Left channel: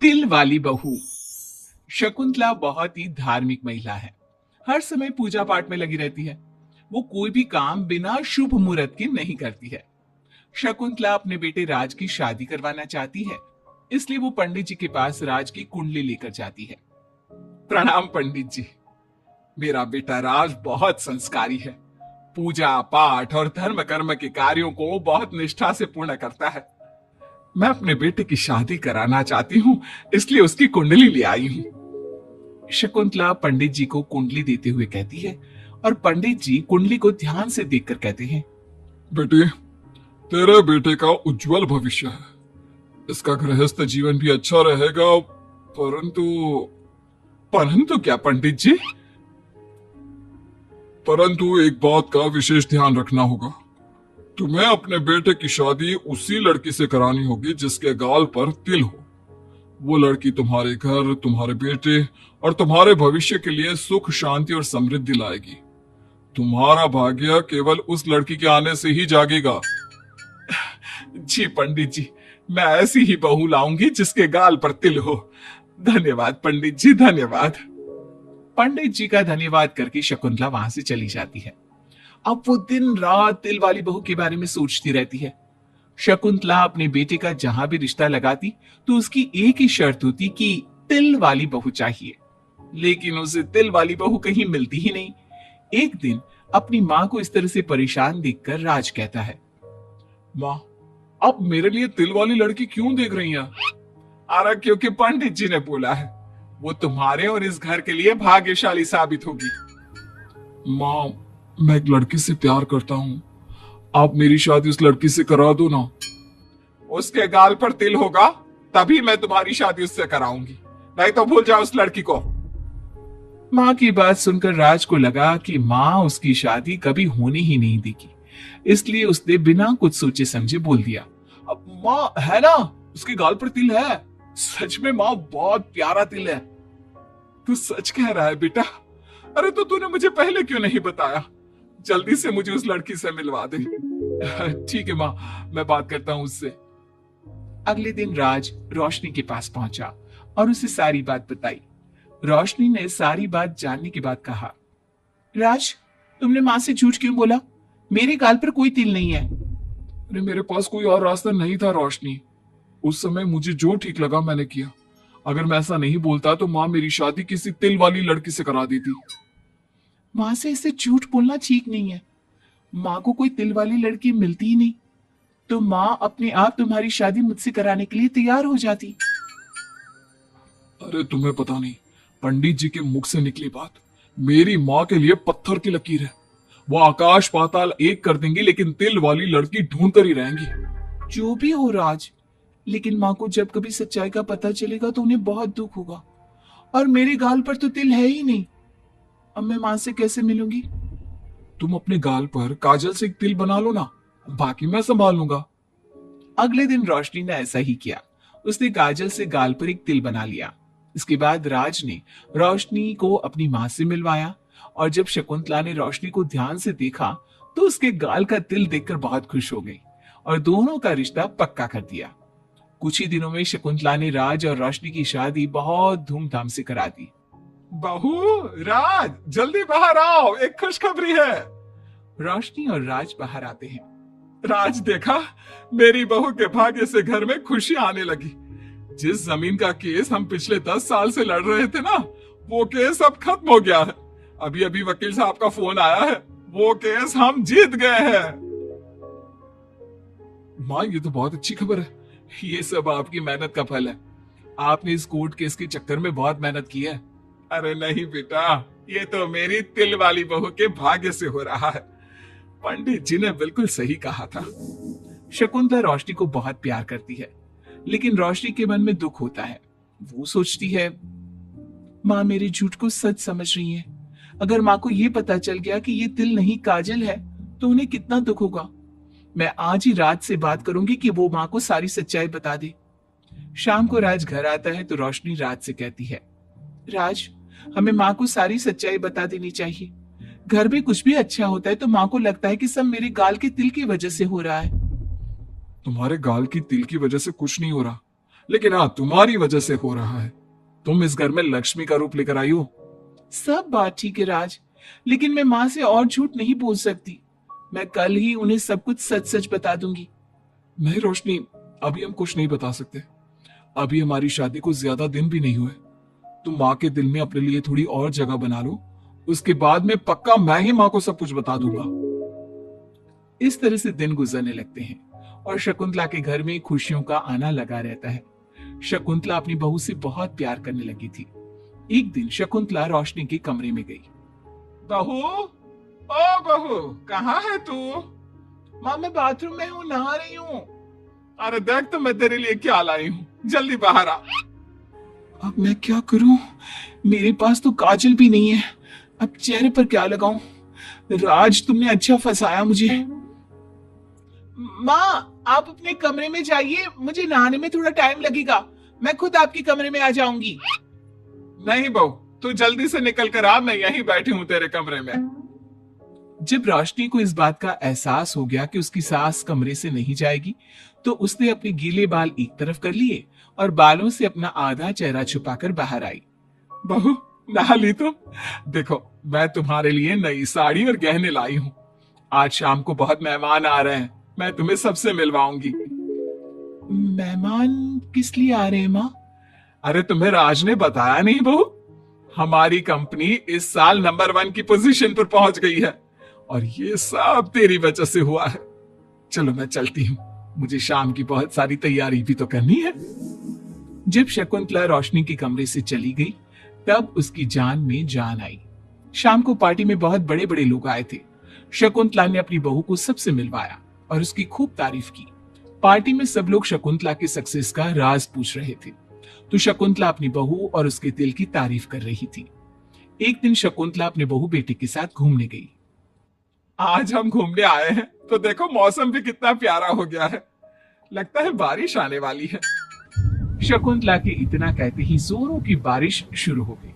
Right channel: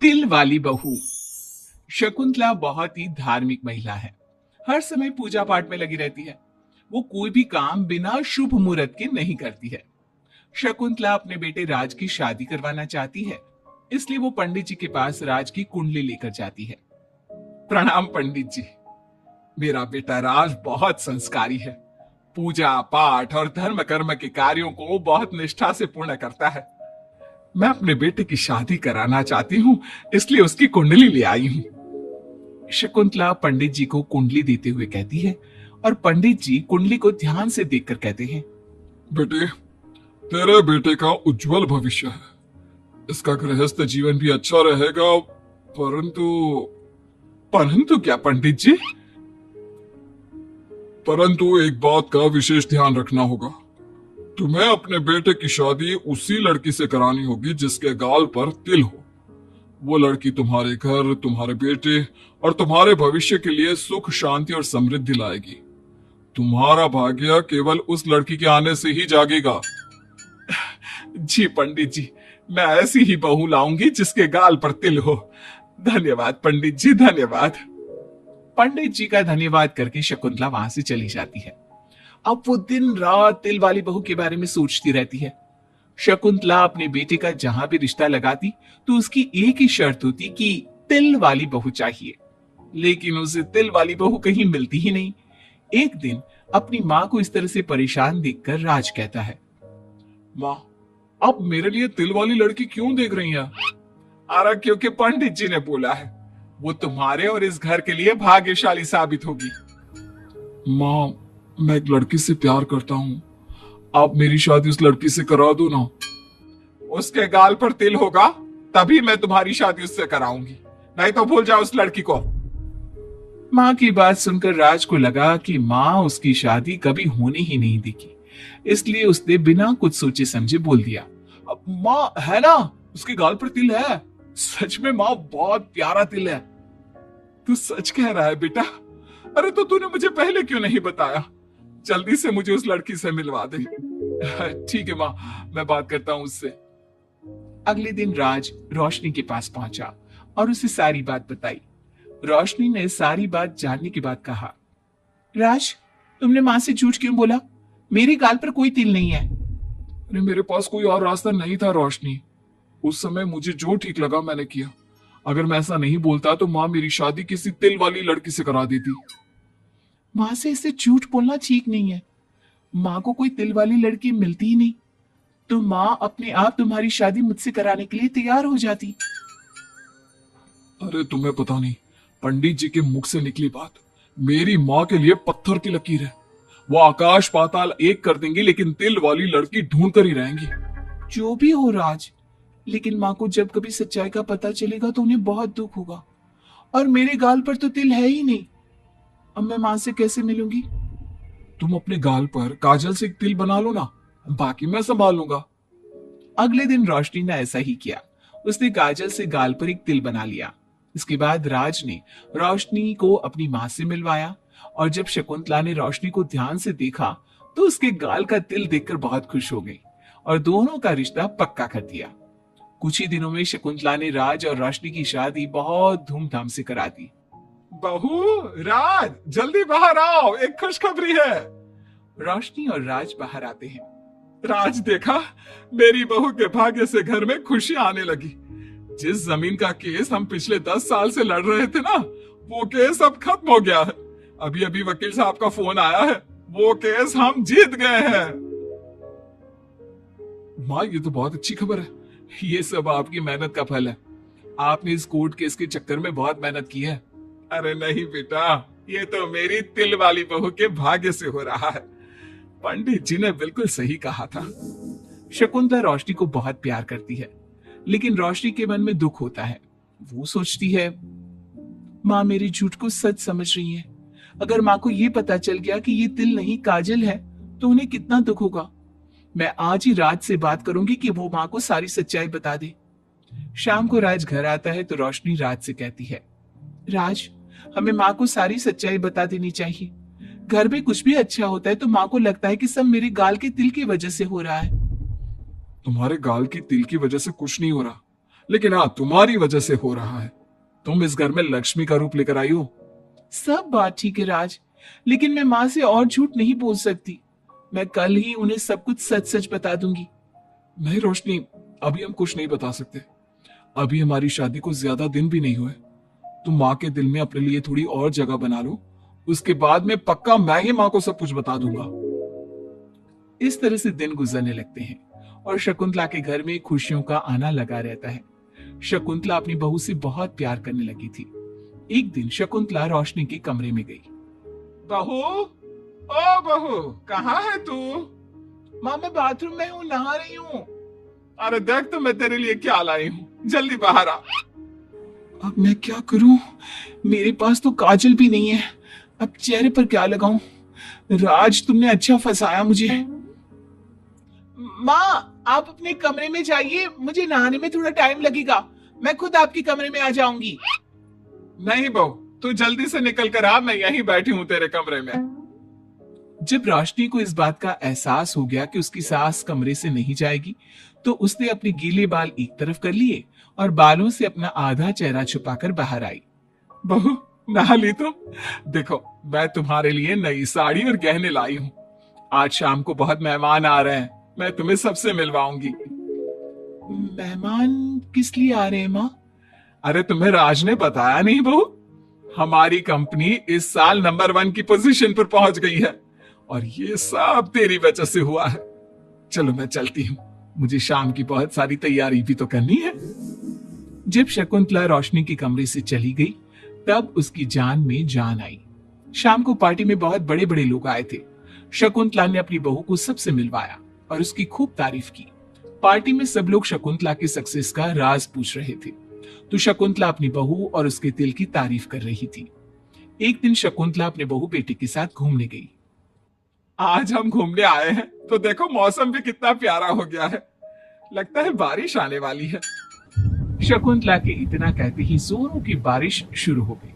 तिल वाली बहू। शकुंतला बहुत ही धार्मिक महिला है। हर समय पूजा पाठ में लगी रहती है। वो कोई भी काम बिना शुभ मुहूर्त के नहीं करती है। शकुंतला अपने बेटे राज की शादी करवाना चाहती है, इसलिए वो पंडित जी के पास राज की कुंडली लेकर जाती है। प्रणाम पंडित जी। मेरा बेटा राज बहुत संस्कारी है। पूजा पाठ और धर्म कर्म के कार्यों को बहुत निष्ठा से पूर्ण करता है। मैं अपने बेटे की शादी कराना चाहती हूँ, इसलिए उसकी कुंडली ले आई हूँ। शकुंतला पंडित जी को कुंडली देते हुए कहती है और पंडित जी कुंडली को ध्यान से देखकर कहते हैं, बेटे, तेरे बेटे का उज्जवल भविष्य है। इसका गृहस्थ जीवन भी अच्छा रहेगा, परंतु परंतु क्या पंडित जी? परंतु एक बात का विशेष ध्यान रखना होगा। तुम्हें अपने बेटे की शादी उसी लड़की से करानी होगी जिसके गाल पर तिल हो। वो लड़की तुम्हारे घर, तुम्हारे बेटे और तुम्हारे भविष्य के लिए सुख, शांति और समृद्धि लाएगी। तुम्हारा भाग्य केवल उस लड़की के आने से ही जागेगा। जी पंडित जी, मैं ऐसी ही बहू लाऊंगी जिसके गाल पर तिल हो। धन्यवाद पंडित जी, धन्यवाद। पंडित जी का धन्यवाद करके शकुंतला वहां से चली जाती है। अब वो दिन रात तिल वाली बहू के बारे में सोचती रहती है। शकुंतला अपने बेटे का जहां भी रिश्ता लगाती तो उसकी एक ही शर्त होती कि तिल वाली बहू चाहिए, लेकिन उसे तिल वाली बहू कहीं मिलती ही नहीं। एक दिन अपनी माँ को इस तरह से परेशान देखकर राज कहता है, माँ, आप मेरे लिए तिल वाली लड़की क्यों देख रही हैं? अरे क्योंकि पंडित जी ने बोला है, वो तुम्हारे और इस घर के लिए भाग्यशाली साबित होगी। माँ, मैं एक लड़की से प्यार करता हूँ। आप मेरी शादी उस लड़की से करा दो ना। उसके गाल पर तिल होगा तभी मैं तुम्हारी शादी उससे कराऊंगी, नहीं तो भूल जाओ उस लड़की को। माँ की बात सुनकर राज को लगा कि माँ उसकी शादी कभी होने ही नहीं देगी, इसलिए उसने बिना कुछ सोचे समझे बोल दिया, अब माँ है ना, उसके गाल पर तिल है। सच में माँ, बहुत प्यारा तिल है। तू सच कह रहा है बेटा? अरे तो तूने मुझे पहले क्यों नहीं बताया? जल्दी से मुझे उस लड़की से मिलवा दे। ठीक है माँ, मैं बात करता हूँ उससे। अगले दिन राज रोशनी के पास पहुंचा और उसे सारी बात बताई। रोशनी ने सारी बात जानने के बाद कहा, राज, तुमने माँ से झूठ क्यों बोला? मेरे गाल पर कोई तिल नहीं है। अरे मेरे पास कोई और रास्ता नहीं था रोशनी। उस समय मुझे जो ठीक लगा मैंने किया। अगर मैं ऐसा नहीं बोलता तो माँ मेरी शादी किसी तिल वाली लड़की से करा देती। माँ से इसे झूठ बोलना ठीक नहीं है। माँ को कोई तिल वाली लड़की मिलती ही नहीं, तो माँ अपने आप तुम्हारी शादी मुझसे कराने के लिए तैयार हो जाती। अरे तुम्हें पता नहीं, पंडित जी के मुख से निकली बात मेरी माँ के लिए पत्थर की लकीर है। वो आकाश पाताल एक कर देंगी, लेकिन तिल वाली लड़की ढूंढ कर ही रहेंगी। जो भी हो राज, लेकिन माँ को जब कभी सच्चाई का पता चलेगा तो उन्हें बहुत दुख होगा। और मेरे गाल पर तो तिल है ही नहीं, अब मैं माँ से कैसे मिलूंगी? तुम अपने गाल पर काजल से एक तिल बना लो ना, बाकी मैं संभाल लूंगा। अगले दिन रोशनी ने ऐसा ही किया। उसने काजल से गाल पर एक तिल बना लिया। इसके बाद राज ने रोशनी को अपनी माँ से मिलवाया, और जब शकुंतला ने रोशनी को ध्यान से देखा तो उसके गाल का तिल देखकर बहुत खुश हो गई और दोनों का रिश्ता पक्का कर दिया। कुछ ही दिनों में शकुंतला ने राज और रोशनी की शादी बहुत धूमधाम से करा दी। बहू, राज, जल्दी बाहर आओ, एक खुशखबरी है। रोशनी और राज बाहर आते हैं। राज, देखा, मेरी बहू के भाग्य से घर में खुशी आने लगी। जिस जमीन का केस हम पिछले 10 साल से लड़ रहे थे ना, वो केस अब खत्म हो गया है। अभी अभी वकील साहब का फोन आया है, वो केस हम जीत गए हैं। माँ, ये तो बहुत अच्छी खबर है। ये सब आपकी मेहनत का फल है। आपने इस कोर्ट केस के चक्कर में बहुत मेहनत की है। अरे नहीं बेटा, ये तो मेरी तिल वाली बहू के भाग्य से हो रहा है। पंडित जी ने बिल्कुल सही कहा था। शकुंतला रोशनी को बहुत प्यार करती है, लेकिन रोशनी के मन में दुख होता है। वो सोचती है, माँ मेरे झूठ को सच समझ रही है। अगर माँ को ये पता चल गया कि ये तिल नहीं काजल है तो उन्हें कितना दुख होगा। मैं आज ही राज से बात करूंगी कि वो माँ को सारी सच्चाई बता दे। शाम को राज घर आता है तो रोशनी राज से कहती है, राज, हमें माँ को सारी सच्चाई बता देनी चाहिए। घर में कुछ भी अच्छा होता है तो माँ को लगता है कि सब मेरे गाल के तिल की वजह से हो रहा है। तुम्हारे गाल की तिल की वजह से कुछ नहीं हो रहा, लेकिन हाँ, तुम्हारी वजह से हो रहा है। तुम इस घर में लक्ष्मी का रूप लेकर आई हो। सब बात ठीक है राज, लेकिन मैं माँ से और झूठ नहीं बोल सकती। मैं कल ही उन्हें सब कुछ सच सच बता दूंगी। नहीं रोशनी, अभी हम कुछ नहीं बता सकते। अभी हमारी शादी को ज्यादा दिन भी नहीं हुए। तुम माँ के दिल में अपने लिए थोड़ी और जगह बना लो, उसके बाद में पक्का मैं ही माँ को सब कुछ बता दूंगा। इस तरह से दिन गुजरने लगते हैं और शकुंतला के घर में खुशियों का आना लगा रहता है। शकुंतला अपनी बहू से बहुत प्यार करने लगी थी। एक दिन शकुंतला रोशनी के कमरे में गई। बहू, ओ बहू, कहाँ है तू? माँ मैं बाथरूम में हूँ, नहा रही हूँ। अरे देख तो मैं तेरे लिए क्या लाई हूँ, जल्दी बाहर आ। अब मैं क्या करूं? मेरे पास तो काजल भी नहीं है। अब चेहरे पर क्या लगाऊं? राज तुमने अच्छा फंसाया मुझे। माँ आप अपने कमरे में जाइए, मुझे नहाने में थोड़ा टाइम लगेगा। मैं खुद आपके कमरे में आ जाऊंगी। नहीं बहू, तू जल्दी से निकल कर आ, मैं यहीं बैठी हूँ तेरे कमरे में। जब रोशनी को इस बात का एहसास हो गया कि उसकी सास कमरे से नहीं जाएगी, तो उसने अपने गीले बाल एक तरफ कर लिए और बालों से अपना आधा चेहरा छुपाकर बाहर आई। बहू, नहा ली तुम? देखो, मैं तुम्हारे लिए नई साड़ी और गहने लाई हूँ। आज शाम को बहुत मेहमान आ रहे हैं, मैं तुम्हें सबसे मिलवाऊंगी। मेहमान किस लिए आ रहे हैं माँ? अरे तुम्हें राज ने बताया नहीं बहू? हमारी कंपनी इस साल नंबर 1 की पोजीशन पर पहुंच गई है और ये सब तेरी वजह से हुआ है। चलो मैं चलती हूँ, मुझे शाम की बहुत सारी तैयारी भी तो करनी है। जब शकुंतला रोशनी के कमरे से चली गई, तब उसकी जान में जान आई। शाम को पार्टी में बहुत बड़े बड़े लोग आए थे। शकुंतला ने अपनी बहू को सबसे मिलवाया और उसकी खूब तारीफ की। पार्टी में सब लोग शकुंतला के सक्सेस का राज पूछ रहे थे, तो शकुंतला अपनी बहू और उसके दिल की तारीफ कर रही थी। एक दिन शकुंतला अपने बहू बेटी के साथ घूमने गई। आज हम घूमने आए हैं तो देखो मौसम भी कितना प्यारा हो गया है, लगता है बारिश आने वाली है। शकुंतला के इतना कहते ही जोरों की बारिश शुरू हो गई।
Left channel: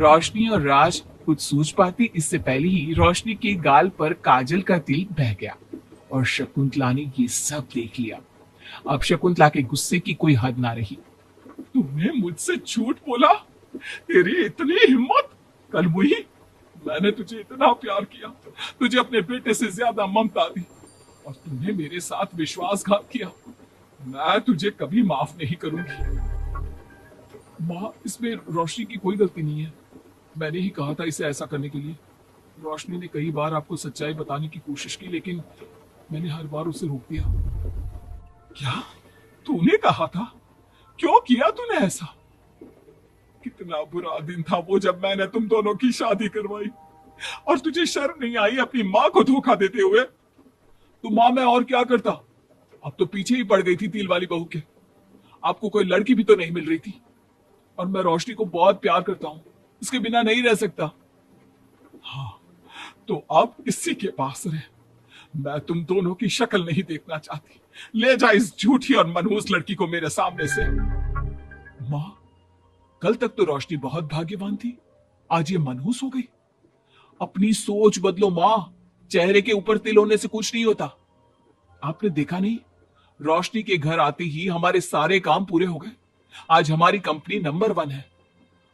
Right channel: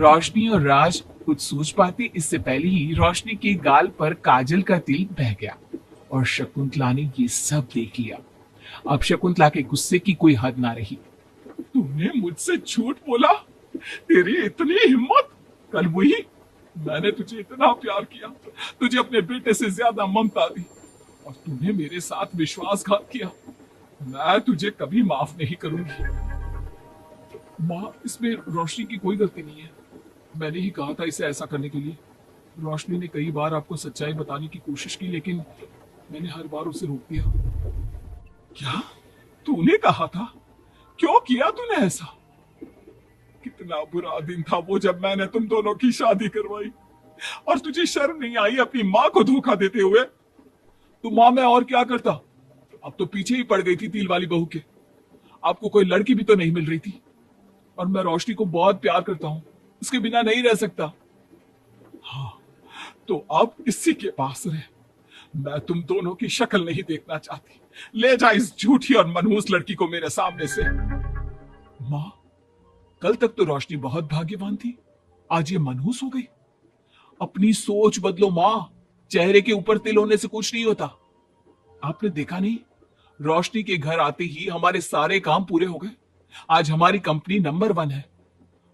रोशनी और राज कुछ सोच पाती इससे पहले ही रोशनी के गाल पर काजल का तिल बह गया और शकुंतला ने ये सब देख लिया। अब शकुंतला के गुस्से की कोई हद ना रही। तूने मुझसे झूठ बोला? तेरी इतनी हिम्मत? कल वही मैंने तुझे इतना प्यार किया, तुझे अपने बेटे से ज्यादा ममता दी और तूने मेरे साथ विश्वासघात किया। मैं तुझे कभी माफ नहीं करूंगी। माँ, इसमें रोशनी की कोई गलती नहीं है। मैंने ही कहा था इसे ऐसा करने के लिए। रोशनी ने कई बार आपको सच्चाई बताने की कोशिश की, लेकिन मैंने हर बार उसे रोक दिया। क्या तूने कहा था? क्यों किया तूने ऐसा? कितना बुरा दिन था वो जब मैंने तुम दोनों की शादी करवाई और तुझे शर्म नहीं आई अपनी माँ को धोखा देते हुए? तो माँ, मैं और क्या करता? अब तो पीछे ही पड़ गई थी तिल वाली बहू के। आपको कोई लड़की भी तो नहीं मिल रही थी और मैं रोशनी को बहुत प्यार करता हूँ, उसके बिना नहीं रह सकता। हाँ, तो अब इसी के पास रहे। मैं तुम दोनों की शक्ल नहीं देखना चाहती। ले जा इस झूठी और मनहूस लड़की को मेरे सामने से। माँ, कल तक तो रोशनी बहुत भाग्यवान थी, आज ये मनहूस हो गई। अपनी सोच बदलो माँ, चेहरे के ऊपर तिल होने से कुछ नहीं होता। आपने देखा नहीं, रोशनी के घर आते ही हमारे सारे काम पूरे हो गए। आज हमारी कंपनी नंबर 1 है।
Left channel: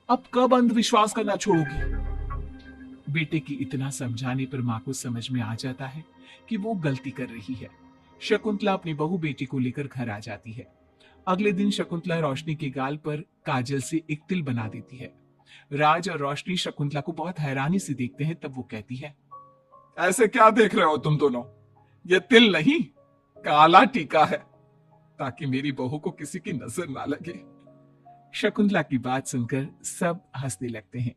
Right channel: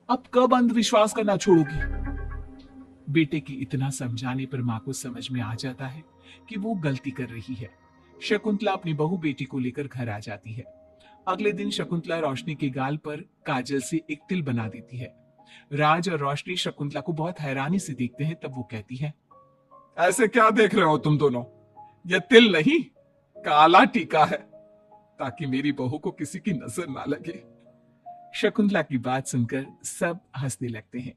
अब कब अंधविश्वास करना छोड़ोगी? बेटे की इतना समझाने पर माँ को समझ में आ जाता है कि वो गलती कर रही है। शकुंतला अपनी बहू बेटी को लेकर घर आ जाती है। अगले दिन शकुंतला रोशनी के गाल पर काजल से एक तिल बना देती है। राज और रोशनी शकुंतला को बहुत हैरानी से देखते हैं। तब वो कहती है, ऐसे क्या देख रहे हो तुम दोनों? ये तिल नहीं, काला टीका है, ताकि मेरी बहू को किसी की नजर ना लगे। शकुंतला की बात सुनकर सब हंसने लगते हैं।